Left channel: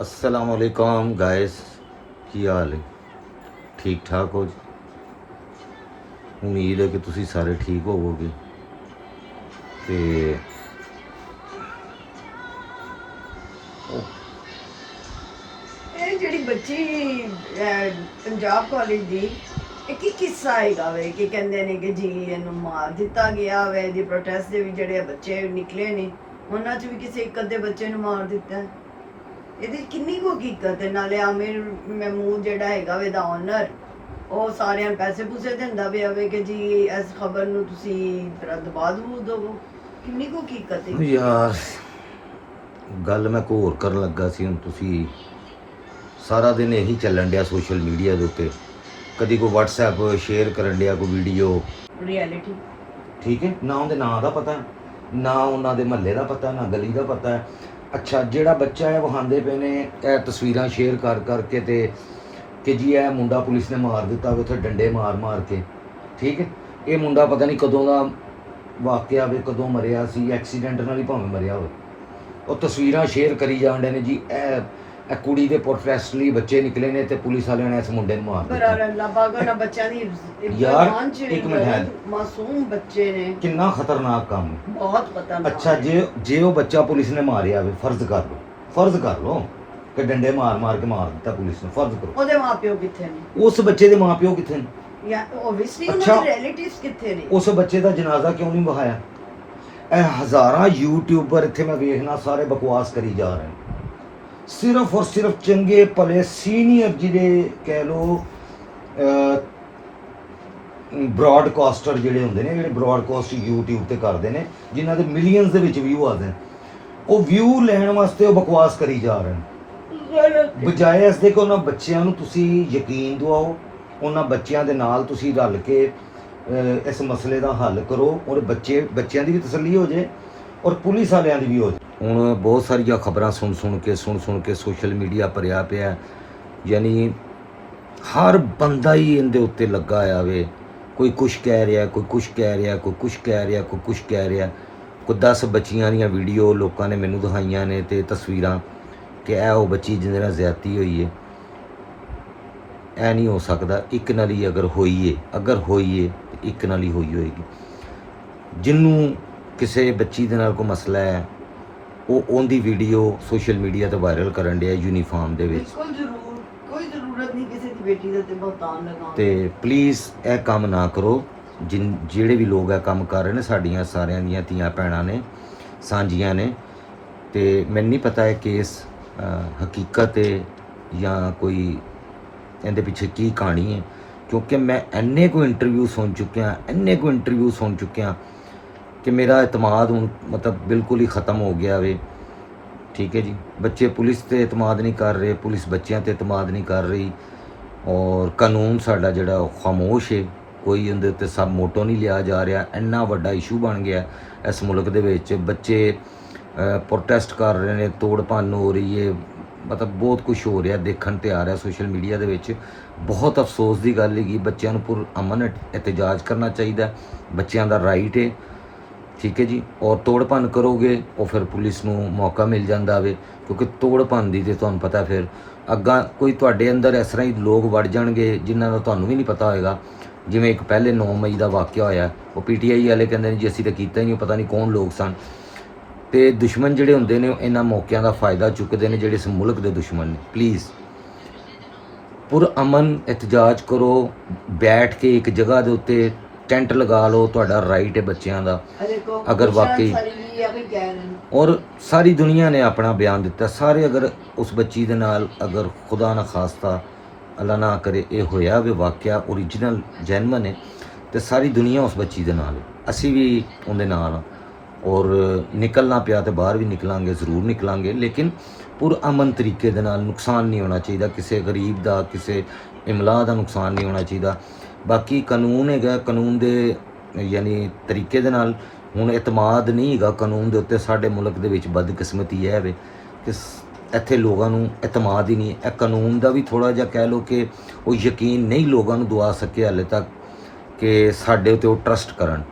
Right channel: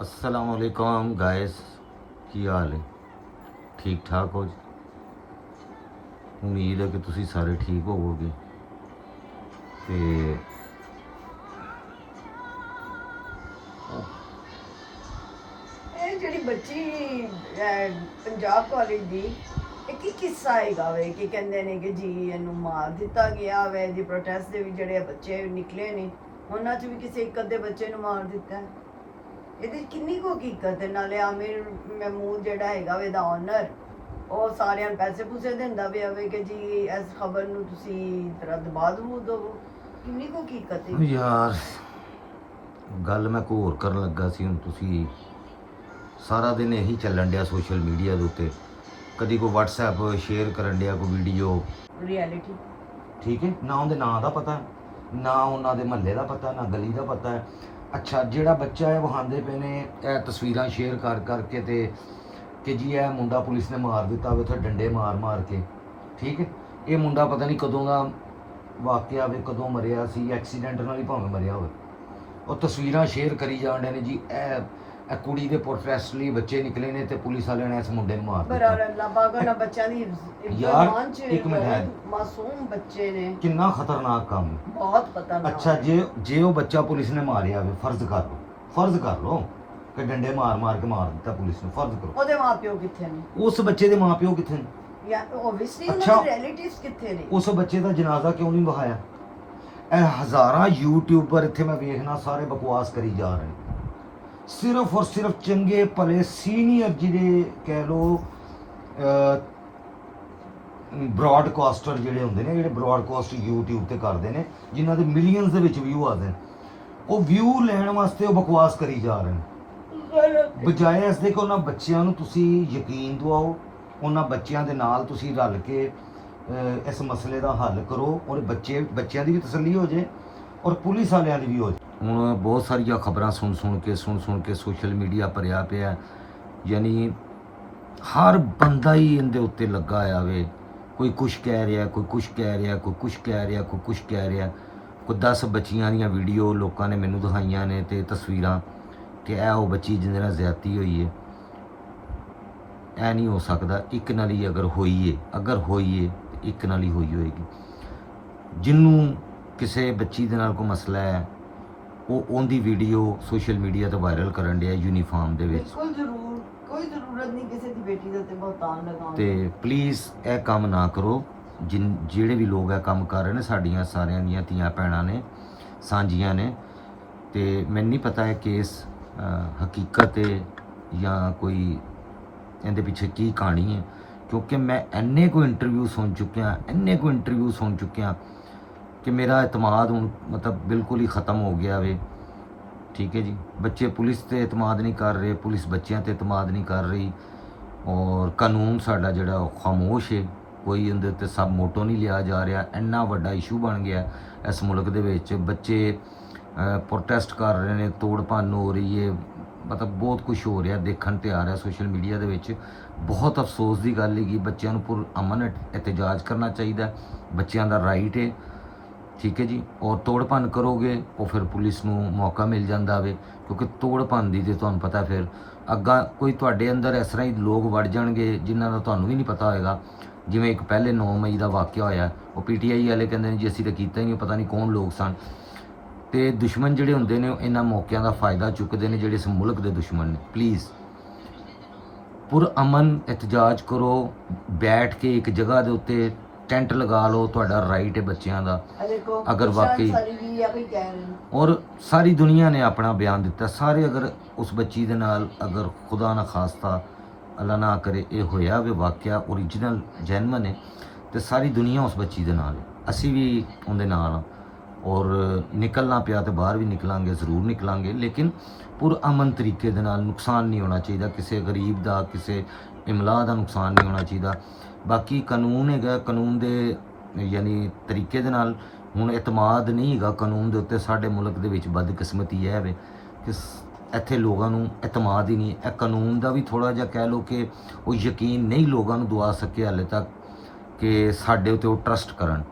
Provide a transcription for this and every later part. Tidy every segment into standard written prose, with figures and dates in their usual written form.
अस्सलामुअलैकुम गाइस, की हाल है? ठीक ठाक हो? उम्मीद है कि तुसी सारे ठीक होवोगे। ते ਇਹ ਜਿਹੜੀ ਬੱਚੀ ਪੰਜਾਬ ਕਾਲਜ ਦੀ ਇਹ ਕੀ ਕਿੱਸਾ ਹੈਗਾ ਵੇ ਕਿ ਕਹਿੰਦੇ ਨੇ ਕਿ ਜੀ ਇਹਨੂੰ ਮਾਰ ਦਿੱਤਾ ਗਿਆ ਵੇ ਦੀ ਪ੍ਰੋਟੈਸਟ ਦੇ ਵੀ ਜਿਹੜੇ ਬੱਚੇ ਨਿਕਲੇ ਨੇ ਉਹਨਾਂ 'ਚ ਵੀ ਕਿਸੇ ਇੱਕ ਅੱਧੇ ਬੱਚੇ ਨੂੰ ਮਾਰ ਦਿੱਤਾ ਹੈ। ਇਹਦੀ ਕਿੰਨੀ ਕੁ ਹਕੀਕਤ ਹੈ? ਨਾਲੇ ਆਮਿਰ ਮਹਿਮੂਦ ਜਿਹੜਾ ਹੈਗਾ ਵੇ ਦਾ ਓਨਰ ਉਹ ਸਾਰਿਆਂ ਨੂੰ ਪੈਸੇ ਪੂਸੇ ਦਿੰਦਾ ਪਿਆ ਵੇ ਕਿ ਜੀ ਇਸ ਖਬਰ ਨੂੰ ਤੁਸੀਂ ਦਬਾ ਦਵੋ। ਕਿੰਨੀ ਕੁ ਹਕੀਕਤ ਹੈ? यार गल मैं को होर करन लगा सी। हुण तुसी सारा दिन यही चलन दिया सोशल मीडिया के उत्ते, कदी कोई WhatsApp शेयर करन दिया कोई वीडियो, रियलिटी ठीक है ना उनके नाँ का पता है ना उन्होंने महल्ले का पता ना गली का पता है। अच्छा जिहड़ा बच्चा है विखांदे पे ने तस्वीरां शेयर कर करके ते कि जी यह मुंडा पुलिस ने मार दिता उत्थे डंडे मार मार के, ठीक है। ये मुंडा पता नहीं कदों का वाकया वे, कदों मरिया सी, एक्सीडेंट नाल ही भावें मरिया हो। और तस्वीरां शेयर करी जान डे ने जी ए कुड़ी दे प्रोटेस्ट लई बच्चे निकले ने ते पुलिस वाले ने इस मुंडे नूं मार दिता। बच्चों दी यार ईमान च एक मिनट है, मासूम बच्चे ने कितना खतरनाक काम है। बहुत खतरनाक। अच्छा जे वो बच्चा पुलिस ने मारिया वे, फर्ज कर लो कि डंडे मार मार के मार दिता पुलिस ने, फर्ज करो ਉਹਦੇ ਮਾਪਿਓ ਕਿੱਥੇ ਨੇ? उस बच्चे के माँ प्यो कितने ने? ਜਾਂ ਓਬਵੀਅਸਲੀ अच्छा। ਉਹਨਾਂ ਦੇ ਰਿਲੇਟਿਵਸ ਕਿੱਥੇ ਨੇ? उस बच्चे का जनाजा क्यों नहीं बहाया? हज़ारां यूट्यूबर इत्थे मैं वेखना सारे बकवास करी जा रहे हैं, सिर्फ और सिर्फ चंगे भले सीनियर जिहड़े कह लो ब्रॉडकास्टर जिहड़े हुंदे ने, जिहड़े ब्रॉडकास्ट यूट्यूब ते करदे ने, जिन्हां दे मिलियंस दे विच व्यू आते हैं, वो व्यू लैण वास्ते वो बकवास करी जा रहे हैं। बजाए इस दे कि उन्हां बच्चिआं नूं तुसीं यकीन दिवाओ, उन्हां बच्चिआं दे नाल तुसीं रल के इस मसले का हल करो और बच्चों की भी तसल्ली हो जाए और पुलिस वालों की भी हो जाए। हुण बहुत सारिया खबरां सुन सुन के सोशल मीडिया भरिया पिया, यानी हर बंदा ही इनके उत्ते लगा आया वे, कोई कुछ कह रहा, कोई कुछ कह रहा, कोई कुछ कह रहा, कोई कुछ कह रहा। कोई 10 बच्चियां दी वीडियो लोगों ने मैनू दिखाइयां ने ते तस्वीरां कि ऐ वो बच्ची जिहदे नाल ज़्यादती हुई है। ऐ नहीं हो सकता, एक नाल ही अगर होई है एक नाल ही होई होएगी। जिन्हों किसी बच्ची दे नाल कोई मसला है वो उनकी वीडियो सोशल मीडिया ते वायरल करन दिया यूनीफॉर्म दे विच। कोई जरूरत नहीं किसी की बेटी दा ते बहुतान लगाउण ते प्लीज़ यह काम ना करो। जिहड़े भी लोग यह काम कर रहे हैं साड़ियाँ सारियां दियां धीआं भैणां ने, सांझियां ने, ते मैनूं नहीं पता है केस हकीकत है या कोई इहदे पिछे की कहानी है, क्योंकि मैं इन्ने को इंटरव्यू सुन चुकिया कि मेरा एतमाद हुण मतलब बिल्कुल ही ख़त्म हो गया वे, ठीक है जी। बच्चे पुलिस ते एतमाद नहीं कर रहे, पुलिस बच्चों ते एतमाद नहीं कर रही, और कानून साडा जिहड़ा खामोश है, कोई उहदे उत्ते सब मोटो नहीं लिया जा रहा। इन्ना वड्डा इशू बन गया इस मुल्क दे विच, बच्चे प्रोटेस्ट कर रहे हैं, तोड़ भन्न हो रही है, मतलब बहुत कुछ हो रहा देखण ते आ रहा सोशल मीडिया दे विच। बहुत अफसोस की गल है कि बच्चों को पुर अमन एहतजाज करना चाहिए, बच्चों का राइट है, ठीक है जी। और तोड़ भन्न करोगे और फिर पुलिस नूं मौका मिल जाता वे, क्योंकि तोड़ भन्न की तो तुहानूं पता फिर अग्गां कोई तुहाडे अंदर इस तरह ही लोग वड़ जाणगे जिन्हां दा तुहानूं भी नहीं पता होएगा। जिवें एक पहले 9 मई का वाक़या होया, वो PTI वाले कहंदे ने जी असीं तां कीता ही नहीं, पता नहीं कौन लोग सन। ते दुश्मन जिहड़े हुंदे ने इन्हां मौक़िਆਂ का फ़ायदा चुकते हैं जिहड़े इस मुल्क के दुश्मन ने। प्लीज़ पुरअमन एहतजाज करो, बैठ के एक जगह के उत्ते टेंट लगा लो, तुहाडा राइट है बच्चों का। अगर वाकई और सारी दुनिया ने अपना बयान दिता, सारे अगर उस बच्ची दे नाल अगर खुदा ना खास्ता अल्लाह ना करे ये होया वे वाकया ओरिजिनल जैनवन है, तो सारी दुनिया उस बच्ची दे नाल है, असी भी उहदे नाल हां। और निकलना पिया तो बाहर भी निकलांगे, जरूर निकलांगे, लेकिन पुरअमन तरीके दे नाल, नुकसान नहीं होना चाहिए किसी गरीब का, किसी इमला का नुकसान नहीं होना चाहिए। बाकी कानून है, कानून दे यानी तरीके दे नाल हुण एतमाद नहीं है कानून दे उत्ते। साडे मुल्क दे विच बदकिस्मती है वे कि इत्थे लोगों नूं एतमाद ही नहीं है। कानून का भी थोड़ा जिहा कह लो कि वो यकीन नहीं लोगों नूं दवा सके हाले तक कि साडे उत्ते वो ट्रस्ट करन।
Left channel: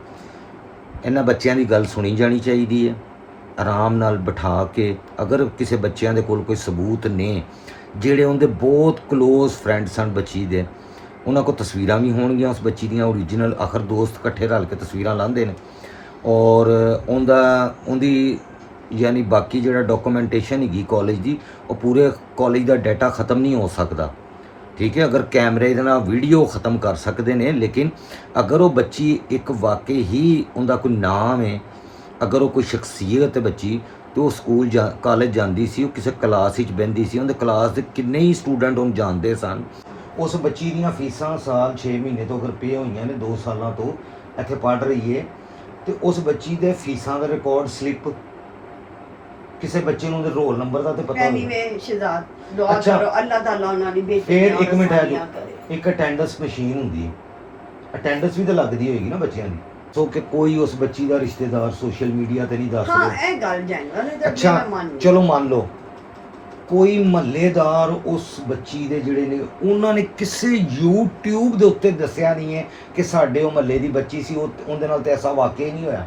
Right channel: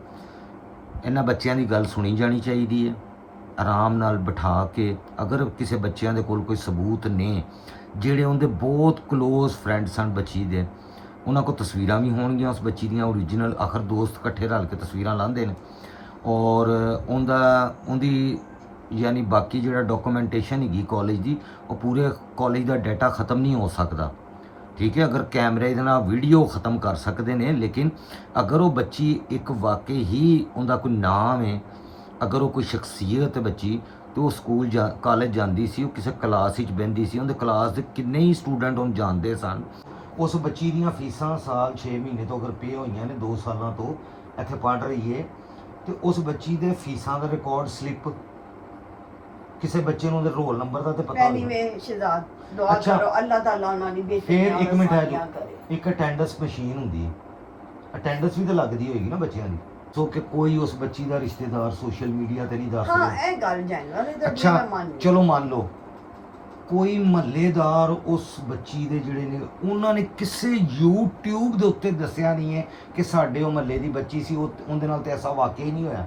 इन्हां बच्चों की गल सुनी जानी चाहिए है। ਆਰਾਮ ਨਾਲ ਬਿਠਾ ਕੇ, ਅਗਰ ਕਿਸੇ ਬੱਚਿਆਂ ਦੇ ਕੋਲ ਕੋਈ ਸਬੂਤ ਨੇ ਜਿਹੜੇ ਉਹਦੇ ਬਹੁਤ ਕਲੋਜ਼ ਫਰੈਂਡ ਸਨ ਬੱਚੀ ਦੇ, ਉਹਨਾਂ ਕੋਲ ਤਸਵੀਰਾਂ ਵੀ ਹੋਣਗੀਆਂ ਉਸ ਬੱਚੀ ਦੀਆਂ ਓਰੀਜਨਲ, ਆਖਰ ਦੋਸਤ ਇਕੱਠੇ ਰਲ ਕੇ ਤਸਵੀਰਾਂ ਲਾਉਂਦੇ ਨੇ, ਔਰ ਉਹਦੀ ਯਾਨੀ ਬਾਕੀ ਜਿਹੜਾ ਡਾਕੂਮੈਂਟੇਸ਼ਨ ਹੈਗੀ ਕਾਲਜ ਦੀ, ਉਹ ਪੂਰੇ ਕਾਲਜ ਦਾ ਡਾਟਾ ਖਤਮ ਨਹੀਂ ਹੋ ਸਕਦਾ, ਠੀਕ ਹੈ। ਅਗਰ ਕੈਮਰੇ ਦੇ ਨਾਲ ਵੀਡੀਓ ਖਤਮ ਕਰ ਸਕਦੇ ਨੇ, ਲੇਕਿਨ ਅਗਰ ਉਹ ਬੱਚੀ ਇੱਕ ਵਾਕਈ ਹੀ ਉਹਦਾ ਕੋਈ ਨਾਮ ਹੈ, ਅਗਰ ਉਹ ਕੋਈ ਸ਼ਖਸੀਅਤ ਹੈ ਬੱਚੀ, ਤੇ ਉਹ ਸਕੂਲ ਕਾਲਜ ਜਾਂਦੀ ਸੀ, ਉਹ ਕਿਸੇ ਕਲਾਸ ਵਿੱਚ ਬਹਿੰਦੀ ਸੀ, ਉਹਦੇ ਕਲਾਸ ਦੇ ਕਿੰਨੇ ਹੀ ਸਟੂਡੈਂਟ ਉਹਨੂੰ ਜਾਣਦੇ ਸਨ। ਉਸ ਬੱਚੀ ਦੀਆਂ ਫੀਸਾਂ ਸਾਲ 6 ਮਹੀਨੇ ਤੋਂ ਅਗਰ ਪੇ ਹੋਈਆਂ ਨੇ, 2 ਸਾਲਾਂ ਤੋਂ ਇੱਥੇ ਪੜ੍ਹ ਰਹੀ ਹੈ, ਤੇ ਉਸ ਬੱਚੀ ਦੇ ਫੀਸਾਂ ਦਾ ਰਿਕਾਰਡ ਸਲਿੱਪ ਕਿਸੇ ਬੱਚੇ ਨੂੰ ਉਹਦੇ ਰੋਲ ਨੰਬਰ ਦਾ ਤੇ ਪਤਾ ਹੋਵੇ। ਐਨੀਵੇ ਸ਼ਹਿਜ਼ਾਦ ਦੁਆ ਅੱਛਾ। ਕਰੋ ਅੱਲਾਹ ਤਾਲਾ ਉਹਨਾਂ ਦੀ ਬੇਟੀ ਫਿਰ ਨਾਲ ਇੱਕ ਮਿੰਟ ਹੈ ਜੋ ਆਸਾਨੀਆਂ ਕਰੇ। ਇੱਕ ਅਟੈਂਡੈਂਸ ਮਸ਼ੀਨ ਹੁੰਦੀ ਹੈ, ਅਟੈਂਡੈਂਸ ਵੀ ਤਾਂ ਲੱਗਦੀ ਹੋਏਗੀ ਨਾ ਬੱਚਿਆਂ ਦੀ, ਸੋ ਕਿ ਕੋਈ ਉਸ ਬੱਚੀ ਦਾ ਰਿਸ਼ਤੇਦਾਰ ਸੋਸ਼ਲ ਮੀਡੀਆ ਤੇ ਨਹੀਂ ਦੱਸ ਹਾਂ ਰਿਹਾ। ਇਹ ਗੱਲ ਜੈਨੂਅਲ ਹੈ ਤਾਂ ਅੱਛਾ ਮੈਂ ਮੰਨ ਚਲੋ ਮੰਨ ਲਓ ਕੋਈ ਮਹੱਲੇਦਾਰ ਉਸ ਬੱਚੀ ਦੇ ਜਿਹੜੇ ਨੇ, ਉਹਨਾਂ ਨੇ ਕਿਸੇ YouTube ਦੇ ਉੱਤੇ ਦੱਸਿਆ ਨਹੀਂ ਹੈ ਕਿ ਸਾਡੇ ਉਹ ਮਹੱਲੇ ਦੀ ਬੱਚੀ ਸੀ, ਉਹਦੇ ਨਾਲ ਤੇ ਐਸਾ ਵਾਕਿਆ ਹੀ ਨਹੀਂ ਹੋਇਆ,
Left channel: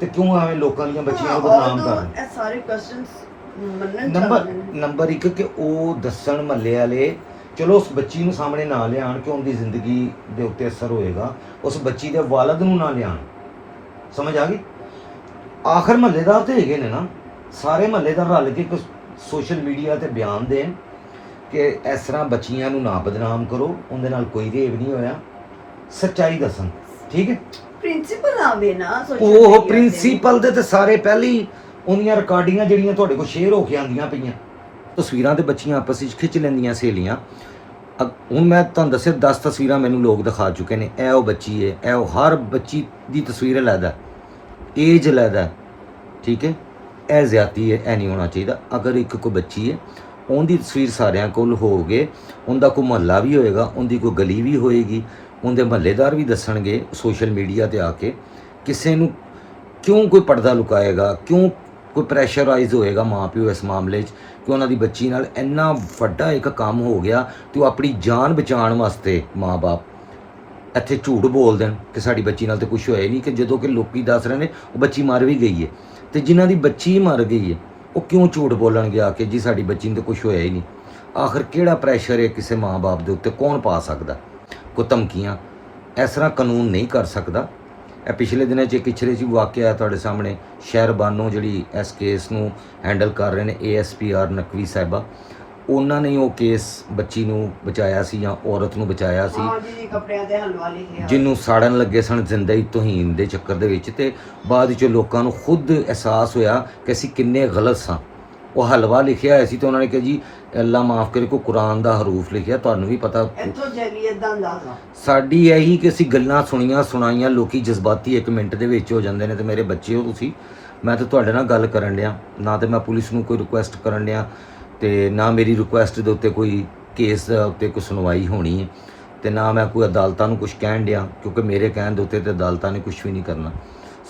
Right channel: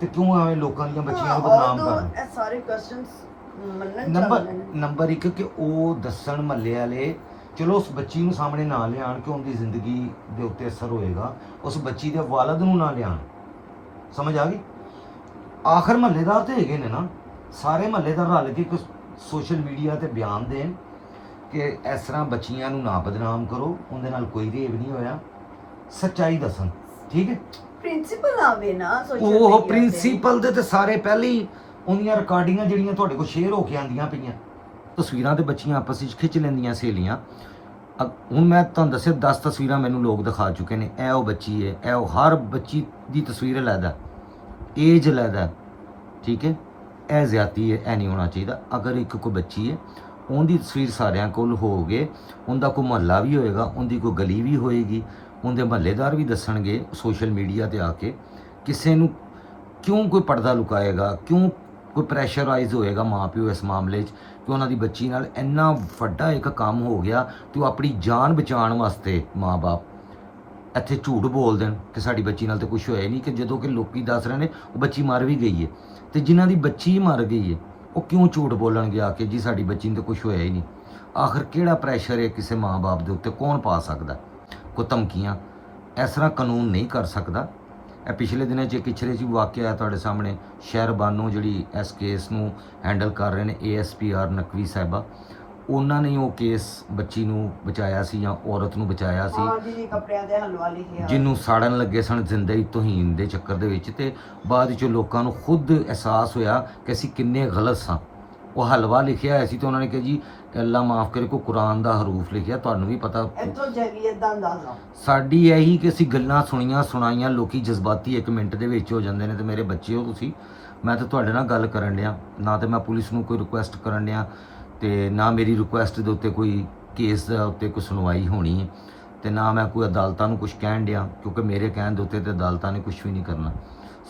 ਤੇ ਕਿਉਂ ਐਵੇਂ ਲੋਕਾਂ ਦੀਆਂ ਬੱਚੀਆਂ ਨੂੰ ਬਦਨਾਮ ਕਰ ਰਹੇ? ਇਹ ਸਾਰੇ ਕੁਐਸਚਨਸ ਮੰਨਣ ਨੰਬਰ 1 ਕਿ ਉਹ ਦੱਸਣ ਮਹੱਲੇ ਵਾਲੇ, ਚਲੋ ਉਸ ਬੱਚੀ ਨੂੰ ਸਾਹਮਣੇ ਨਾ ਲਿਆਣ ਕਿ ਉਹਦੀ ਜ਼ਿੰਦਗੀ ਦੇ ਉੱਤੇ ਅਸਰ ਹੋਏਗਾ, ਉਸ ਬੱਚੀ ਦੇ ਵਾਲਦ ਨੂੰ ਨਾ ਲਿਆਣ, ਸਮਝ ਆ ਗਈ? ਆਖਰ ਮਹੱਲੇਦਾਰ ਤੇ ਹੈਗੇ ਨੇ ਨਾ, ਸਾਰੇ ਮਹੱਲੇਦਾਰ ਰਲ ਕੇ ਇੱਕ ਸੋਸ਼ਲ ਮੀਡੀਆ ਤੇ ਬਿਆਨ ਦੇਣ ਕਿ ਇਸ ਤਰ੍ਹਾਂ ਬੱਚੀਆਂ ਨੂੰ ਨਾ ਬਦਨਾਮ ਕਰੋ, ਉਹਦੇ ਨਾਲ ਕੋਈ ਰੇਪ ਨਹੀਂ ਹੋਇਆ, ਸੱਚਾਈ ਦੱਸਣ, ਠੀਕ ਹੈ। ਪ੍ਰਿੰਸੀਪਲ ਆਵੇ ਨਾ ਉਹ ਪ੍ਰਿੰਸੀਪਲ ਦੇ ਤੇ ਸਾਰੇ ਪਹਿਲੀ ਉਹਦੀਆਂ ਰਿਕਾਰਡਿੰਗਾਂ ਜਿਹੜੀਆਂ ਤੁਹਾਡੇ ਕੋਲ ਸ਼ੇਅਰ ਹੋ ਕੇ ਆਉਂਦੀਆਂ ਪਈਆਂ, ਤਸਵੀਰਾਂ ਤੇ ਬੱਚੀਆਂ ਆਪਸ ਵਿੱਚ ਖਿੱਚ ਲੈਂਦੀਆਂ ਸਹੇਲੀਆਂ। ਹੁਣ ਮੈਂ ਤੁਹਾਨੂੰ ਦੱਸਿਆ 10 ਤਸਵੀਰਾਂ ਮੈਨੂੰ ਲੋਕ ਦਿਖਾ ਚੁੱਕੇ ਨੇ, ਇਹ ਉਹ ਬੱਚੀ ਹੈ, ਇਹ ਉਹ, ਹਰ ਬੱਚੀ ਦੀ ਤਸਵੀਰ ਅਲੱਗਾ, ਏਜ ਅਲੱਗਾ, ਠੀਕ ਹੈ। ਇਹ ਜ਼ਿਆਦਤੀ ਹੈ, ਇਹ ਨਹੀਂ ਹੋਣਾ ਚਾਹੀਦਾ। ਅਗਰ ਇੱਕ ਕੋਈ ਬੱਚੀ ਹੈ, ਉਹਦੀ ਤਸਵੀਰ ਸਾਰਿਆਂ ਕੋਲ ਹੋਵੇ, ਉਹਦਾ ਕੋਈ ਮੁਹੱਲਾ ਵੀ ਹੋਏਗਾ, ਉਹਦੀ ਕੋਈ ਗਲੀ ਵੀ ਹੋਏਗੀ, ਉਹਦੇ ਮਹੱਲੇਦਾਰ ਵੀ ਦੱਸਣਗੇ ਸੋਸ਼ਲ ਮੀਡੀਆ ਤੇ ਆ ਕੇ, ਕਿਸੇ ਨੂੰ ਕਿਉਂ ਕੋਈ ਪਰਦਾ ਲੁਕਾਏਗਾ, ਕਿਉਂ ਕੋਈ ਪ੍ਰੈਸ਼ਰਾਈਜ਼ ਹੋਏਗਾ ਮਾਂ ਪਿਓ ਇਸ ਮਾਮਲੇ 'ਚ ਕਿ ਉਹਨਾਂ ਦੀ ਬੱਚੀ ਨਾਲ ਇੰਨਾ ਵੱਡਾ ਇੱਕ ਕੰਮ ਹੋ ਗਿਆ ਤੇ ਉਹ ਆਪਣੀ ਜਾਨ ਬਚਾਉਣ ਵਾਸਤੇ ਮਾਂ-ਬਾਪ ਇੱਥੇ ਝੂਠ ਬੋਲ ਦੇਣ ਕਿ ਸਾਡੀ ਬੱਚੀ ਨਾਲ ਤਾਂ ਕੁਝ ਹੋਇਆ ਹੀ ਨਹੀਂ, ਕਿ ਜਦੋਂ ਕਿ ਲੋਕੀ ਦੱਸ ਰਹੇ ਨੇ ਉਹ ਬੱਚੀ ਮਰ ਵੀ ਗਈ ਹੈ, ਤੇ ਜਿਨ੍ਹਾਂ ਦੀ ਬੱਚੀ ਮਰ ਗਈ ਹੈ ਉਹ ਕਿਉਂ ਝੂਠ ਬੋਲਣਗੇ ਆ ਕੇ ਜੀ ਸਾਡੀ ਬੱਚੀ ਨੂੰ ਤਾਂ ਕੁਝ ਹੋਇਆ ਹੀ ਨਹੀਂ? ਆਖਰ ਕਿਹੜਾ ਪ੍ਰੈਸ਼ਰ ਹੈ ਕਿਸੇ ਮਾਂ-ਬਾਪ ਦੇ ਉੱਤੇ, ਕੌਣ ਪਾ ਸਕਦਾ? ਕੋਈ ਧਮਕੀਆਂ ਇਸ ਤਰ੍ਹਾਂ ਕਾਨੂੰਨ ਨਹੀਂ ਕਰ ਸਕਦਾ। ਇਹ ਪਿਛਲੇ ਦਿਨਾਂ 'ਚ ਇੱਕ ਪਿਛਲੇ 'ਚ ਵਾਕਿਆ ਹੈ ਤੁਹਾਡੇ ਸਾਹਮਣੇ, ਸ਼ਹਿਰਬਾਨੋ ਜਿਹੜੀ ਇਸ ਕੇਸ ਨੂੰ ਹੈਂਡਲ ਕਰ ਰਹੇ ਨੇ ASPR ਨਕਵੀ ਸਾਹਿਬਾ, ਉਹਨਾਂ ਨੇ ਉਹ ਕੇਸ ਬੱਚੀ ਨੂੰ ਬਚਾਇਆ ਸੀ ਜਾਂ ਔਰਤ ਨੂੰ ਬਚਾਇਆ ਸੀ, ਕੱਪੜਿਆਂ ਤੇ ਹਲਵਾ ਲਿਖਿਆ, ਜਿਹਨੂੰ ਸਾੜਨ ਲੱਗੇ ਸਨ ਜ਼ਿੰਦਗੀ ਤੋਹੀਨ ਦੇ ਚੱਕਰ ਦੇ ਵਿੱਚ, ਤੇ ਬਾਅਦ ਵਿੱਚ ਲੋਕਾਂ ਨੂੰ ਖੁਦ ਅਹਿਸਾਸ ਹੋਇਆ ਕਿ ਅਸੀਂ ਕਿੰਨੇ ਗਲਤ ਸਾਂ। ਉਹ ਹਲਵਾ ਲਿਖਿਆ ਹੋਇਆ ਸੀ ਤੇ ਉਹਨਾਂ ਨੇ ਕਿਹਾ ਜੀ ਅੱਲਾ ਮਾਫ ਕਰੇ, ਕੋਈ ਕੁਰਾਨ ਦਾ ਹਰੂਫ ਲਿਖਿਆ, ਤੁਹਾਨੂੰ ਵੀ ਪਤਾ ਇੱਥੋਂ ਜੈਲੀਅਤ ਦਾ ਅੰਦਾਜ਼ਾ ਸਾਡੀ ਇਹੀ ਕਿ ਅਸੀਂ ਗੱਲਾਂ ਸੁਣੀਆਂ ਸੁਣਾਈਆਂ, ਲੋਕੀ ਜਜ਼ਬਾਤੀ 1 ਮਿੰਟ ਦੇ ਵਿੱਚ ਹੋ ਜਾਂਦੇ ਨੇ। ਤੇ ਮੇਰੇ ਬੱਚੇ ਹੋ ਤੁਸੀਂ, ਮੈਂ ਤਾਂ ਤੁਹਾਡੇ ਨਾਲ ਗੱਲ ਕਰਨ ਡਿਆ, ਨਾ ਤੇ ਮੈਂ ਪੁਲਿਸ ਨੂੰ ਕੋਈ ਰਿਕੁਐਸਟ ਕਰਨ ਡਿਆ, ਤੇ ਨਾ ਮੇਰੀ ਰਿਕੁਐਸਟ ਦੇ ਉੱਤੇ ਕੋਈ ਕੇਸ ਦੇ ਉੱਤੇ ਕੋਈ ਸੁਣਵਾਈ ਹੋਣੀ ਹੈ, ਤੇ ਨਾ ਮੈਂ ਕੋਈ ਅਦਾਲਤਾਂ ਨੂੰ ਕੁਝ ਕਹਿਣ ਡਿਆ, ਕਿਉਂਕਿ ਮੇਰੇ ਕਹਿਣ ਦੇ ਉੱਤੇ ਤੇ ਅਦਾਲਤਾਂ ਨੇ ਕੁਝ ਵੀ ਨਹੀਂ ਕਰਨਾ।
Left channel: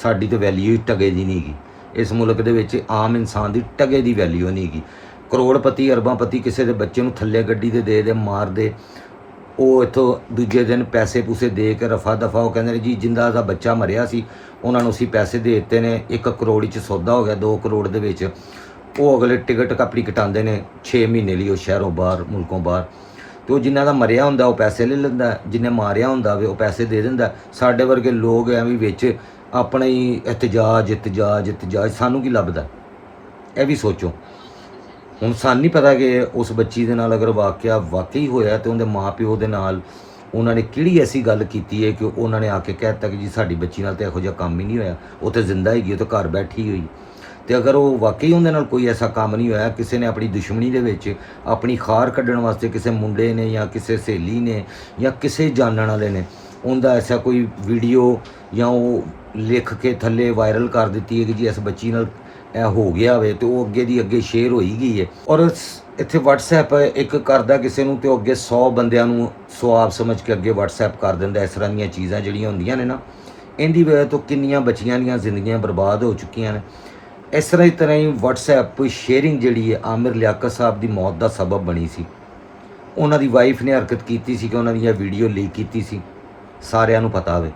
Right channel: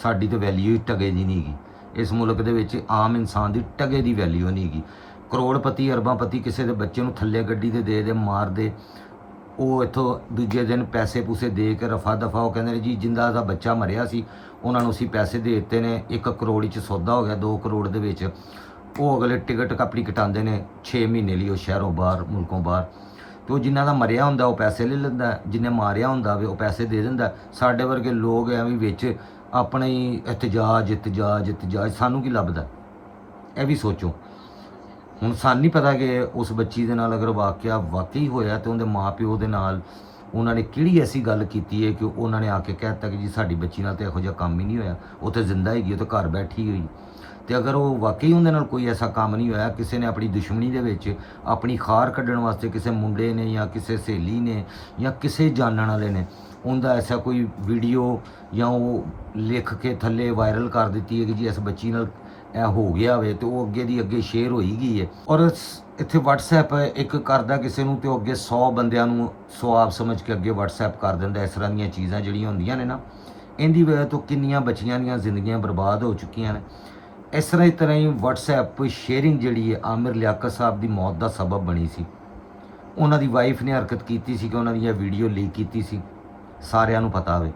ਸਾਡੀ ਤਾਂ ਵੈਲਿਊ ਹੀ ਟਗੇ ਦੀ ਨਹੀਂ ਹੈਗੀ ਇਸ ਮੁਲਕ ਦੇ ਵਿੱਚ, ਆਮ ਇਨਸਾਨ ਦੀ ਟਗੇ ਦੀ ਵੈਲਿਊ ਨਹੀਂ ਹੈਗੀ। ਕਰੋੜਪਤੀ ਅਰਬਾਂਪਤੀ ਕਿਸੇ ਦੇ ਬੱਚੇ ਨੂੰ ਥੱਲੇ ਗੱਡੀ ਦੇ ਮਾਰ ਦੇ, ਉਹ ਇੱਥੋਂ ਦੂਜੇ ਦਿਨ ਪੈਸੇ ਪੂਸੇ ਦੇ ਕੇ ਰਫਾ ਦਫਾ, ਉਹ ਕਹਿੰਦੇ ਨੇ ਜੀ ਜਿੰਦਾ ਦਾ ਬੱਚਾ ਮਰਿਆ ਸੀ ਉਹਨਾਂ ਨੂੰ ਅਸੀਂ ਪੈਸੇ ਦੇ ਦਿੱਤੇ ਨੇ, 1 ਕਰੋੜ 'ਚ ਸੌਦਾ ਹੋ ਗਿਆ, 2 ਕਰੋੜ ਦੇ ਵਿੱਚ ਉਹ ਅਗਲੇ ਟਿਕਟ ਆਪਣੀ ਕਟਾਉਂਦੇ ਨੇ 6 ਮਹੀਨੇ ਲਈ, ਉਹ ਸ਼ਹਿਰੋਂ ਬਾਹਰ ਮੁਲਕੋਂ ਬਾਹਰ, ਤੇ ਉਹ ਜਿਨ੍ਹਾਂ ਦਾ ਮਰਿਆ ਹੁੰਦਾ ਉਹ ਪੈਸੇ ਲੈ ਲੈਂਦਾ, ਜਿਹਨੇ ਮਾਰਿਆ ਹੁੰਦਾ ਵੇ ਉਹ ਪੈਸੇ ਦੇ ਦਿੰਦਾ। ਸਾਡੇ ਵਰਗੇ ਲੋਕ ਐਵੇਂ ਵਿੱਚ ਆਪਣੇ ਹੀ ਇਤਜਾਜ, ਸਾਨੂੰ ਕੀ ਲੱਭਦਾ? ਇਹ ਵੀ ਸੋਚੋ। ਹੁਣ ਸਾਨੂੰ ਨਹੀਂ ਪਤਾ ਕਿ ਉਸ ਬੱਚੀ ਦੇ ਨਾਲ ਅਗਰ ਵਾਕਿਆ ਵਾਕਈ ਹੋਇਆ ਤੇ ਉਹਦੇ ਮਾਂ-ਪਿਓ ਦੇ ਨਾਲ ਉਹਨਾਂ ਨੇ ਕਿਹੜੀ ਐਸੀ ਗੱਲ ਕੀਤੀ ਹੈ ਕਿ ਉਹਨਾਂ ਨੇ ਆ ਕੇ ਕਹਿ ਦਿੱਤਾ ਕਿ ਜੀ ਸਾਡੀ ਬੱਚੀ ਨਾਲ ਤਾਂ ਇਹੋ ਜਿਹਾ ਕੰਮ ਹੀ ਨਹੀਂ ਹੋਇਆ, ਉਹ ਤਾਂ ਜ਼ਿੰਦਾ ਹੈਗੀ, ਉਹ ਤਾਂ ਘਰ ਬੈਠੀ ਹੋਈ। ਤੇ ਅਗਰ ਉਹ ਵਾਕਈ ਉਹਦੇ ਨਾਲ ਕੋਈ ਐਸਾ ਕੰਮ ਨਹੀਂ ਹੋਇਆ, ਕਿਸੇ ਨੇ ਆਪਣੀ ਦੁਸ਼ਮਣੀ ਦੇ ਵਿੱਚ ਆਪਣੀ ਖਾਰ ਕੱਢਣ ਵਾਸਤੇ ਕਿਸੇ ਮੁੰਡੇ ਨੇ ਜਾਂ ਕਿਸੇ ਸਹੇਲੀ ਨੇ ਜਾਂ ਕਿਸੇ ਜਾਣਨ ਵਾਲੇ ਨੇ ਉਹਦਾ ਐਸਾ ਕੋਈ ਵੀਡੀਓ ਜਾਂ ਉਹ ਲਿਖ ਕੇ ਥੱਲੇ ਵਾਇਰਲ ਕਰ ਦਿੱਤੀ ਹੈ ਕਿ ਜੀ ਇਸ ਬੱਚੀ ਨਾਲ ਇਹ ਹੋ ਗਿਆ ਹੋਵੇ, ਤੇ ਉਹ ਅੱਗੇ ਦੀ ਅੱਗੇ ਸ਼ੇਅਰ ਹੋਈ ਗਈ ਹੈ। ਔਰ ਇੱਥੇ WhatsApp ਇੱਕ ਕਰਦਾ ਕਿਸੇ ਨੂੰ ਤੇ ਉਹ ਅੱਗੇ 100 ਬੰਦਿਆਂ ਨੂੰ ਸਵਾਬ ਸਮਝ ਕੇ ਅੱਗੇ WhatsApp ਕਰ ਦਿੰਦਾ। ਇਸ ਤਰ੍ਹਾਂ ਦੀਆਂ ਚੀਜ਼ਾਂ ਜਿਹੜੀਆਂ ਹੁੰਦੀਆਂ ਨੇ ਨਾ, ਇਹਦੀ ਵਜ੍ਹਾ ਤੋਂ ਕਿੰਨੀਆਂ ਬੱਚੀਆਂ ਦੀਆਂ ਜ਼ਿੰਦਗੀਆਂ ਬਰਬਾਦ ਹੋ ਚੁੱਕੀਆਂ ਨੇ। ਇਸ ਤਰ੍ਹਾਂ ਹੀ WhatsApp ਸ਼ੇਅਰਿੰਗ ਜਿਹੜੀ ਹੈ ਆਮਿਰ ਲਿਆਕਤ ਸਾਹਿਬ ਦੀ ਮੌਤ ਦਾ ਸਬਬ ਬਣੀ ਸੀ। ਉਹਨਾਂ ਦੀ ਵਾਈਫ ਨੇ ਹਰਕਤ ਕੀਤੀ ਸੀ ਕਿ ਉਹਨਾਂ ਦੀ ਇਹ ਵੀਡੀਓ ਲੀਕ ਕੀਤੀ ਸੀ, ਸਾਰਿਆਂ ਨੂੰ ਪਤਾ ਹੋਵੇ,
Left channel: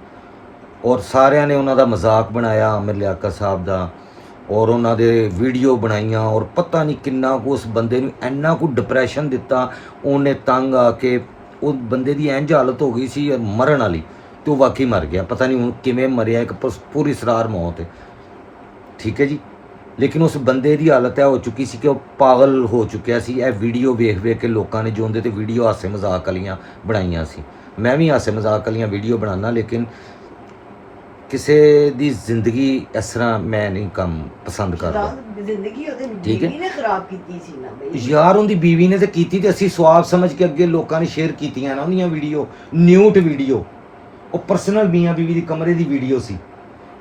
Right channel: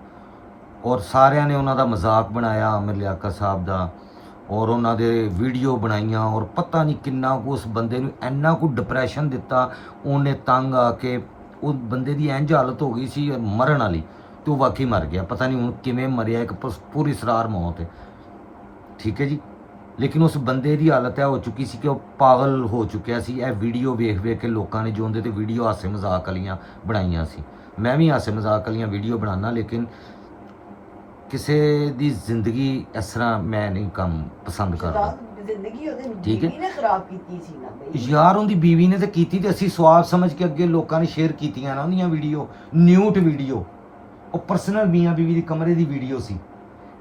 ਔਰ ਸਾਰਿਆਂ ਨੇ ਉਹਨਾਂ ਦਾ ਮਜ਼ਾਕ ਬਣਾਇਆ ਆਮਿਰ ਲਿਆਕਤ ਸਾਹਿਬ ਦਾ, ਔਰ ਉਹਨਾਂ ਦੇ ਵੀਡੀਓ ਬਣਾਈਆਂ ਔਰ ਪਤਾ ਨਹੀਂ ਕਿੰਨਾ ਕੁ ਉਸ ਬੰਦੇ ਨੂੰ ਇੰਨਾ ਕੁ ਡਿਪਰੈਸ਼ਨ ਦਿੱਤਾ, ਉਹਨੇ ਤੰਗ ਆ ਕੇ ਉਹ ਬੰਦੇ ਦੀ ਇੰਝ ਹਾਲਤ ਹੋ ਗਈ ਸੀ ਮਰਨ ਵਾਲੀ, ਤੇ ਉਹ ਵਾਕਈ ਮਰ ਗਿਆ। ਪਤਾ ਨਹੀਂ ਹੁਣ ਕਿਵੇਂ ਮਰਿਆ, ਇੱਕ ਪੂਰੀ ਸਰਾਰ ਮੌਤ ਹੈ, ਠੀਕ ਹੈ ਜੀ। ਲੇਕਿਨ ਉਸ ਬੰਦੇ ਦੀ ਹਾਲਤ ਇਹ ਹੋ ਚੁੱਕੀ ਸੀ ਕਿ ਉਹ ਪਾਗਲ ਹੋ ਚੁੱਕਿਆ ਸੀ। ਇਹ ਵੀਡੀਓ ਵੇਖ ਵੇਖ ਕੇ ਲੋਕਾਂ ਨੇ ਜੋ ਉਹਦੇ ਤੇ ਵੀਡੀਓ ਹਾਸੇ ਮਜ਼ਾਕ ਵਾਲੀਆਂ ਬਣਾਈਆਂ ਸੀ। ਮੈਂ ਵੀ ਹਾਸੇ ਮਜ਼ਾਕ ਵਾਲੀਆਂ ਵੀਡੀਓ ਬਣਾਉਣਾ, ਲੇਕਿਨ ਕਿਸੇ ਦੀ ਜ਼ਿੰਦਗੀ ਇਸ ਤਰ੍ਹਾਂ ਮੈਂ ਨਹੀਂ ਕੰਮ ਪਸੰਦ ਕਰਦਾ। ਜ਼ਿੰਦਗੀ ਉਹਦੇ ਠੀਕ ਹੈ। ਬੀਵੀ ਨੇ ਖਰਾਬ ਕੀਤੀ ਸੀ ਨਾ ਬਈ। ਯਾਰ ਉਹਦੀ ਬੀਵੀ ਨੇ ਤੇ ਕੀਤੀ, ਤੇ ਅਸੀਂ ਸਵਾਬ ਸਮਝ ਕੇ ਅੱਗੇ ਲੋਕਾਂ ਨੇ ਸ਼ੇਅਰ ਕੀਤੀਆਂ ਨਾ ਉਹਦੀਆਂ ਵੀਡੀਓ, ਨਿਊਟ ਵੀਡੀਓ, ਉਹ ਪਰਸਨਲ ਮੀਆਂ ਬੀਵੀ ਦੀ ਕਮਰੇ ਦੀ ਵੀਡੀਓ ਸੀ।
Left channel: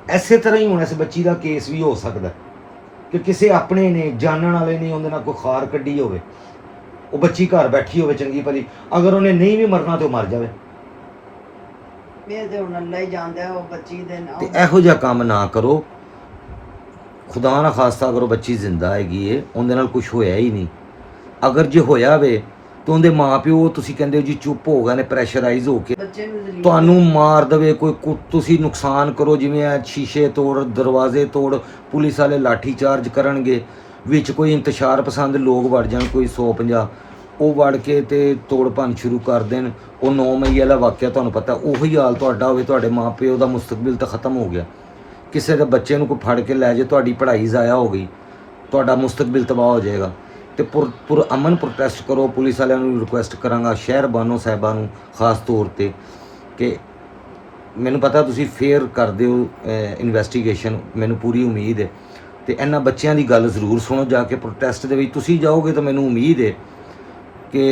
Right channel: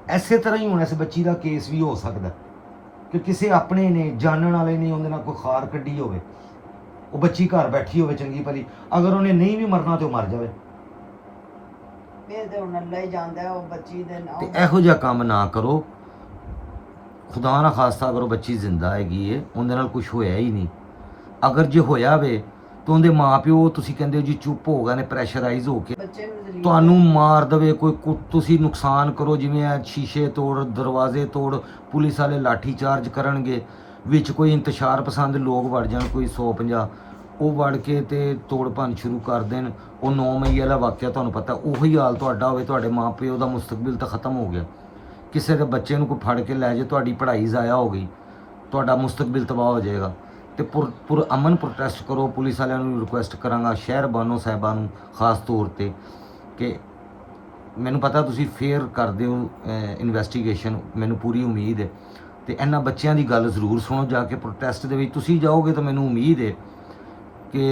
ਐਸੇ ਤਰ੍ਹਾਂ ਹੀ ਹੁਣ ਇਸ ਬੱਚੀ ਦਾ ਕੇਸ ਵੀ ਹੋ ਸਕਦਾ ਕਿ ਕਿਸੇ ਆਪਣੇ ਨੇ, ਜਾਣਨ ਵਾਲੇ ਨੇ ਉਹਦੇ ਨਾਲ ਕੋਈ ਖਾਰ ਕੱਢੀ ਹੋਵੇ, ਉਹ ਬੱਚੀ ਘਰ ਬੈਠੀ ਹੋਵੇ ਚੰਗੀ ਭਲੀ, ਅਗਰ ਉਹਨੇ ਨਹੀਂ ਵੀ ਮਰਨਾ ਤੇ ਉਹ ਮਰ ਜਾਵੇ। ਇਹ ਤੇ ਹੁਣ ਅੱਲਾ ਹੀ ਜਾਣਦਾ ਉਹ ਬੱਚੀ ਦੇ ਤੇ ਨਾਲ। ਇਹੋ ਜਿਹਾ ਕੰਮ ਨਾ ਕਰੋ, ਖੁਦਾ ਨਾ ਖਾਸਤਾ ਕਰੋ ਬੱਚੀ ਜ਼ਿੰਦਾ ਹੈਗੀ ਏ, ਉਹਦੇ ਨਾਲ ਕੁਝ ਹੋਇਆ ਹੀ ਨਹੀਂ। ਅਗਰ ਜੇ ਹੋਇਆ ਵੇ ਤਾਂ ਉਹਦੇ ਮਾਪਿਓ ਤੁਸੀਂ ਕਹਿੰਦੇ ਹੋ ਜੀ ਚੁੱਪ ਹੋ ਗਏ ਨੇ, ਪ੍ਰੈਸ਼ਰਾਈਜ਼ ਹੋ ਕੇ ਬੱਚੇ ਨੂੰ ਜ਼ਰੀਰ ਤੁਹਾਨੂੰ ਮਾਰ ਦੇਵੇ ਕੋਈ, ਤੁਸੀਂ ਨੁਕਸਾਨ ਕਰੋ, ਜਿਵੇਂ ਆ ਸ਼ੀਸ਼ੇ ਤੋੜ, ਦਰਵਾਜ਼ੇ ਤੋੜ, ਪੁਲਿਸ ਵਾਲੇ ਲਾਠੀ ਚਾਰਜ ਕਰਨਗੇ, ਵਿੱਚ ਕੋਈ ਇੰਤਸ਼ਾਰ ਪਸੰਦ ਲੋਕ ਵੜ ਜਾਣ, ਕੋਈ 150 ਉਹ ਵੜ ਕੇ ਤੇ ਤੋੜ ਭੰਨ ਸ਼ੁਰੂ ਕਰ ਦੇਣ। ਉਹ 9 ਮਈ ਵਾਲਾ ਵਾਕਿਆ ਤੁਹਾਨੂੰ ਪਤਾ, ਉਹੀ ਹਾਲ ਤੁਹਾਡਾ ਹੋਵੇ, ਤੁਹਾਡੇ ਮਾਪਿਓ ਦਾ ਮੁਸਤਕਬਲ ਤਾਂ ਖਤਮ ਹੋ ਗਿਆ। ਕਿਸੇ ਦੇ ਬੱਚੇ ਨੂੰ ਕੋਈ ਫੜ ਕੇ ਲੈ ਜਾਏ, ਤੁਹਾਡੀ ਪੜ੍ਹਾਈ ਜ਼ਾਇਆ ਹੋ ਗਈ, ਤੁਹਾਡਾ ਮੁਸਤਕਬਲ ਤਬਾਹ ਹੋ ਜਾਏਗਾ। ਤੇ ਪੁਰ ਅਮਨ ਪ੍ਰੋਟੈਸਟ ਕਰੋ। ਪੁਲਿਸ ਵਾਲਿਆਂ ਨੂੰ ਰਿਕੁਐਸਟ ਕਰਾਂਗਾ, ਸ਼ਹਿਰ ਬਾਨੋ ਸਾਹਿਬਾਂ ਨੂੰ ਖਾਸ ਤੌਰ ਤੇ, ਕਿ ਮੈਨੂੰ ਪਤਾ ਤੁਸੀਂ ਫੇਅਰ ਕਰਦੇ ਹੋ ਇਨਵੈਸਟੀਗੇਸ਼ਨ, ਮੈਨੂੰ ਪੂਰੀ ਉਮੀਦ ਹੈ। ਤੇ ਇਹਨਾਂ ਬੱਚਿਆਂ ਦੀ ਗੱਲ ਜ਼ਰੂਰ ਸੁਣੋ ਜਾ ਕੇ ਪ੍ਰੋਟੈਸਟ ਦੇ ਵਿੱਚ ਤੁਸੀਂ ਜਾਓਗੇ ਤਾਂ ਮੈਨੂੰ ਉਮੀਦ ਹੈ ਕਿ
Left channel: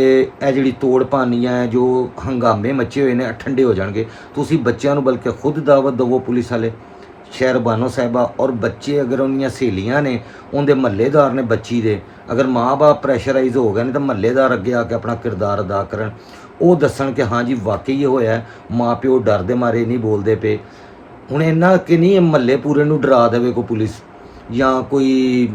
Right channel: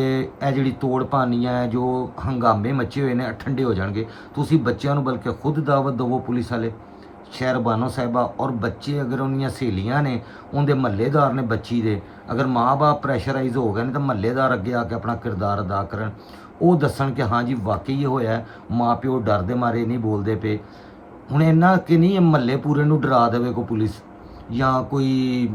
ਇਹ ਜਿਹੜੀ ਤੋੜ ਭੰਨ ਹੈ, ਜੋ ਹੰਗਾਮੇ ਮੱਚੇ ਹੋਏ ਨੇ, ਠੰਡੇ ਹੋ ਜਾਣਗੇ। ਤੁਸੀਂ ਬੱਚਿਆਂ ਨੂੰ ਬਲਕਿ ਖੁਦ ਦਾਵਤ ਦੇਵੋ, ਪੁਲਿਸ ਵਾਲੇ, ਸ਼ਹਿਰ ਬਾਨੋ ਸਾਹਿਬਾ, ਔਰ ਬੱਚੇ ਅਗਰ ਉਹਦੀਆਂ ਸਹੇਲੀਆਂ ਨੇ, ਉਹਦੇ ਮਹੱਲੇਦਾਰ ਨੇ ਬੱਚੀ ਦੇ, ਅਗਰ ਮਾਂ-ਬਾਪ ਪ੍ਰੈਸ਼ਰਾਈਜ਼ ਹੋ ਗਏ ਨੇ ਤਾਂ ਮਹੱਲੇਦਾਰ ਅੱਗੇ ਆ ਕੇ ਆਪਣਾ ਕਿਰਦਾਰ ਅਦਾ ਕਰਨ, ਉਹ ਦੱਸਣ ਕਿ ਹਾਂ ਜੀ ਵਾਕਈ ਇਹ ਹੋਇਆ, ਮਾਂ ਪਿਓ ਡਰ ਦੇ ਮਾਰੇ ਨਹੀਂ ਬੋਲਦੇ ਪਏ। ਹੁਣ ਇੰਨਾ ਕਿ ਨਹੀਂ ਮਹੱਲੇ ਪੂਰੇ ਨੂੰ ਡਰਾ ਦੇਵੇ ਕੋਈ ਪੁਲਿਸ, ਜਾਂ ਕੋਈ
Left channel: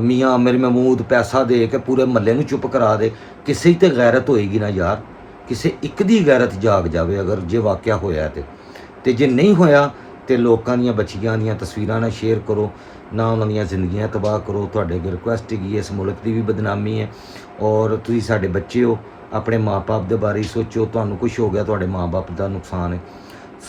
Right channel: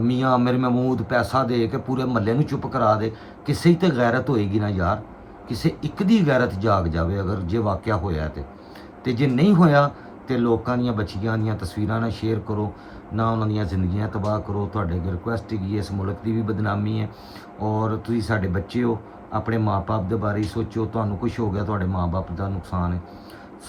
ਮੀਆਂ ਅਮੀਰ ਮਹਿਮੂਦ ਪੈਸਾ ਦੇ ਕੇ ਪੂਰੇ ਮਹੱਲੇ ਨੂੰ ਚੁੱਪ ਕਰਾ ਦੇ। ਕਿਸੇ 'ਤੇ ਗੈਰਤ ਹੋਏਗੀ ਨਾ ਯਾਰ, ਕਿਸੇ ਇੱਕ ਦੀ ਗੈਰਤ ਜਾਗ ਜਾਵੇ ਅਗਰ ਜੇ ਵਾਕਿਆ ਹੋਇਆ ਤੇ ਜੇ ਨਹੀਂ ਹੋਇਆ ਤੇ ਲੋਕਾਂ ਦੀਆਂ ਬੱਚੀਆਂ ਦੀਆਂ ਤਸਵੀਰਾਂ ਨਾਲ ਸ਼ੇਅਰ ਕਰੋ, ਨਾ ਉਹਨਾਂ ਦੀਆਂ ਜ਼ਿੰਦਗੀਆਂ ਤਬਾਹ ਕਰੋ। ਤੁਹਾਡੇ ਅੱਗੇ ਰਿਕੁਐਸਟ ਹੈਗੀ, ਇਸ ਮੁਲਕ ਦੀ ਵੀ ਬਦਨਾਮੀ ਹੈ, ਔਰ ਤੁਸੀਂ ਸਾਡੇ ਬੱਚੇ ਹੋ, ਆਪਣੇ ਮਾਪੇ ਦੇ ਬਾਰੇ ਸੋਚੋ। ਤੁਹਾਨੂੰ ਕੁਝ ਹੋ ਗਿਆ, ਤੁਹਾਡੇ ਮਾਪੇ ਦਾ ਨੁਕਸਾਨ ਹੈ।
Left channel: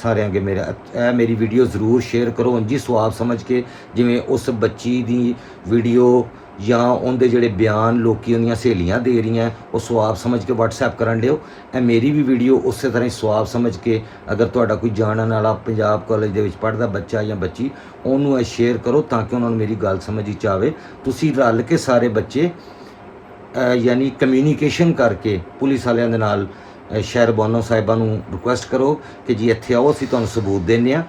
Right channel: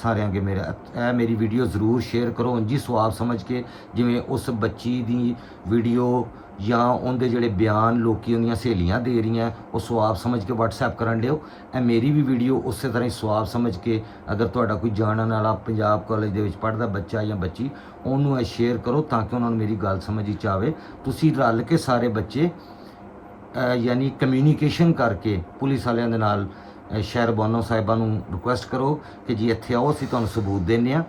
ਸਾਰਿਆਂ ਅੱਗੇ ਮੇਰੀ ਵੀਡੀਓ ਜ਼ਰੂਰ ਸ਼ੇਅਰ ਕਰੋ, ਅੰਜੀ ਸਵਾਬ ਸਮਝ ਕੇ, ਜਿਵੇਂ ਉਸ ਬੱਚੀ ਦੀ ਵੀਡੀਓ ਜਾਂ ਉਹਦੇ ਜਿਹੜੇ ਬਿਆਨ ਲੋਕੀ ਉਹਦੀਆਂ ਸਹੇਲੀਆਂ ਦੇ ਰਹੀਆਂ, ਉਹ ਸਵਾਬ ਸਮਝ ਕੇ WhatsApp ਕਰਨ ਲਿਓ। ਇਹ ਮੇਰੀ ਵੀ ਵੀਡੀਓ ਉਸੇ ਤਰ੍ਹਾਂ ਹੀ ਸਵਾਬ ਸਮਝ ਕੇ, ਅਗਰ ਤੁਹਾਡਾ ਕੋਈ ਜਾਣਨ ਵਾਲਾ ਪੰਜਾਬ ਕਾਲਜ ਦੇ ਵਿੱਚ ਪੜ੍ਹਦਾ ਬੱਚਾ ਜਾਂ ਬੱਚੀ, ਉਹਨੂੰ ਇਹ ਸ਼ੇਅਰ ਕਰੋ ਤਾਂ ਕਿ ਉਹਨਾਂ ਨੂੰ ਮੇਰੀ ਗੱਲ ਸਮਝ ਵਿੱਚ ਆਵੇ। ਤੁਸੀਂ ਰਲ ਕੇ ਸਾਰੇ ਬੱਚੇ ਯਾਨੀ ਕਮਿਊਨੀਕੇਸ਼ਨ ਕਰਕੇ ਪੁਲਿਸ ਵਾਲਿਆਂ ਦੇ ਨਾਲ ਸ਼ਹਿਰ ਬਾਨੋ ਸਾਹਿਬਾਂ ਨੂੰ ਰਿਕੁਐਸਟ ਕਰੋ ਕਿ ਜੀ ਇੱਥੇ ਆਓ, ਅਸੀਂ ਤੁਹਾਨੂੰ ਸਬੂਤ ਦਿੰਦੇ ਹਾਂ।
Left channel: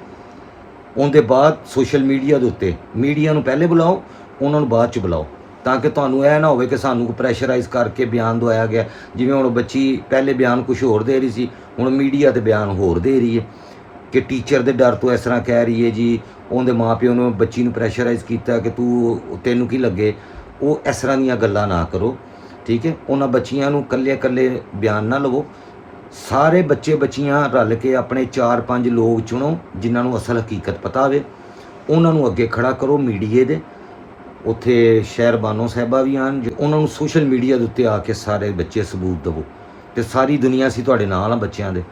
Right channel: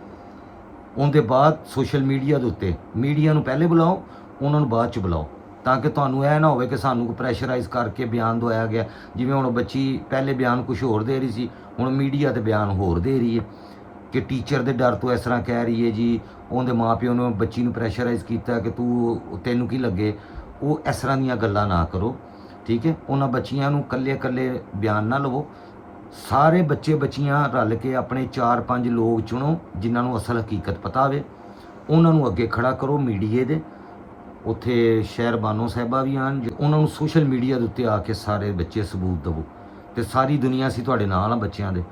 ਉਹਦੇ ਬਾਅਦ ਸੋਸ਼ਲ ਮੀਡੀਆ ਦੇ ਉੱਤੇ ਮੀਡੀਆ ਨੂੰ ਪਹਿਲੇ ਬੁਲਾਓ, ਉਹਨਾਂ ਨੂੰ ਬਾਅਦ 'ਚ ਬੁਲਾਓ, ਤਾਂ ਕਿ ਤੁਹਾਨੂੰ ਇਹ ਨਾ ਹੋਵੇ ਕਿ ਸਾਨੂੰ ਕੋਈ ਪ੍ਰੈਸ਼ਰਾਈਜ਼ ਕਰਕੇ ਬਿਆਨ ਦਵਾਇਆ ਗਿਆ। ਜਿਵੇਂ ਹੁਣ ਬੱਚੀ ਪਹਿਲੇ ਬਿਆਨ ਕੁਝ ਹੋਰ ਦੇ ਰਹੀ ਸੀ, ਹੁਣ ਮੀਡੀਆ ਤੇ ਬਿਆਨ ਹੋਰ ਦੇ ਰਹੀ ਹੈ ਕਿ ਟੀਚਰ ਦੇ ਡਰ ਤੋਂ ਇਸ ਤਰ੍ਹਾਂ ਕਹਿ ਰਹੀ ਹੈ ਜੀ, ਉਹਦੇ ਮਾਪਿਓ ਨੇ ਬੱਚੀ ਨੂੰ ਪ੍ਰੈਸ਼ਰਾਈਜ਼ ਕੀਤਾ ਕਿ ਤੈਨੂੰ ਕੀ ਲੱਗੇ। ਉਹ ਇਸ ਤਰ੍ਹਾਂ ਦੀਆਂ ਗੱਲਾਂ ਨਾ ਕਰੋ, ਠੀਕ ਹੈ। ਉਹਨਾਂ ਬੱਚੀਆਂ ਨੂੰ ਇਕੱਲੇ ਬਿਆਨ ਨਾ ਲਵੋ, ਸਾਰੇ ਬੱਚੇ ਬੱਚੀਆਂ ਰਲ ਕੇ ਆਪਣੇ 4-5 ਲੋਕ ਚੁਣੋ ਜਿਨ੍ਹਾਂ ਨੂੰ ਅਸਲ ਹਕੀਕਤ ਪਤਾ ਹੋਵੇ, ਉਹਨਾਂ ਨੂੰ ਅੱਗੇ ਖੜਾ ਕਰੋ ਮੀਡੀਏ ਦੇ ਉੱਥੇ। ਸ਼ਹਿਰ ਬਾਨੋ ਸਾਹਿਬਾ ਵੀ ਆਣ, ਉਹਨਾਂ ਨੂੰ ਸੋਸ਼ਲ ਮੀਡੀਆ ਦੇ ਉੱਤੇ ਆ ਕੇ ਸਾਰੇ ਬੱਚੇ ਸਬੂਤ ਦੇਵੋ, ਤੇ ਸਾਰੀ ਦੁਨੀਆ ਅਸੀਂ ਤੁਹਾਡੇ ਨਾਲ ਆ ਬੱਚਿਆਂ ਦੇ।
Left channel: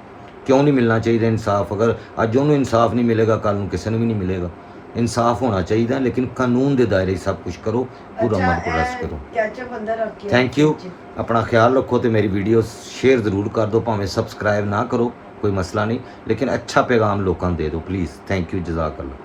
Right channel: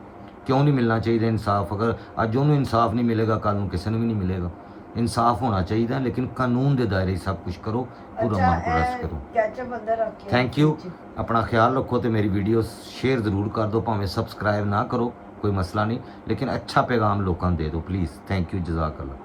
ਕਿਉਂ ਨਹੀਂ ਮਿਲਣਾ ਚਾਹੀਦਾ ਇਨਸਾਫ? ਅਗਰ ਅੱਜ ਉਹਨੂੰ ਇਨਸਾਫ ਨਹੀਂ ਮਿਲੇਗਾ, ਕੱਲ ਨੂੰ ਕਿਸੇ ਨੂੰ ਵੀ ਨਹੀਂ ਮਿਲੇਗਾ। ਇਨਸਾਫ ਹੋਣਾ ਚਾਹੀਦਾ, ਲੇਕਿਨ ਕਾਨੂੰਨ ਦੇ ਦਾਇਰੇ ਸਭ ਕੁਝ ਕਰੋ, ਪੂਰਾ ਮਨ ਪ੍ਰੋਟੈਸਟ ਕਰੋ। Thank you. ਆਪਣਾ ਖਿਆਲ ਰੱਖੋ ਤੇ ਮੇਰੀ ਵੀਡੀਓ ਸ਼ੇਅਰ ਜ਼ਰੂਰ ਕਰ ਦਿਓ, ਭਾਵੇਂ ਸਬਸਕ੍ਰਾਈਬ ਨਾ ਕਰੋ, ਕੋਈ ਮਸਲਾ ਨਹੀਂ, ਲੇਕਿਨ ਅੱਛਾ ਪੈਗਾਮ ਲੋਕਾਂ ਨੂੰ ਦੇ ਦਿਓ ਪਲੀਜ਼। ਥੈਂਕ ਯੂ, ਜਜ਼ਾਕ ਅੱਲਾ।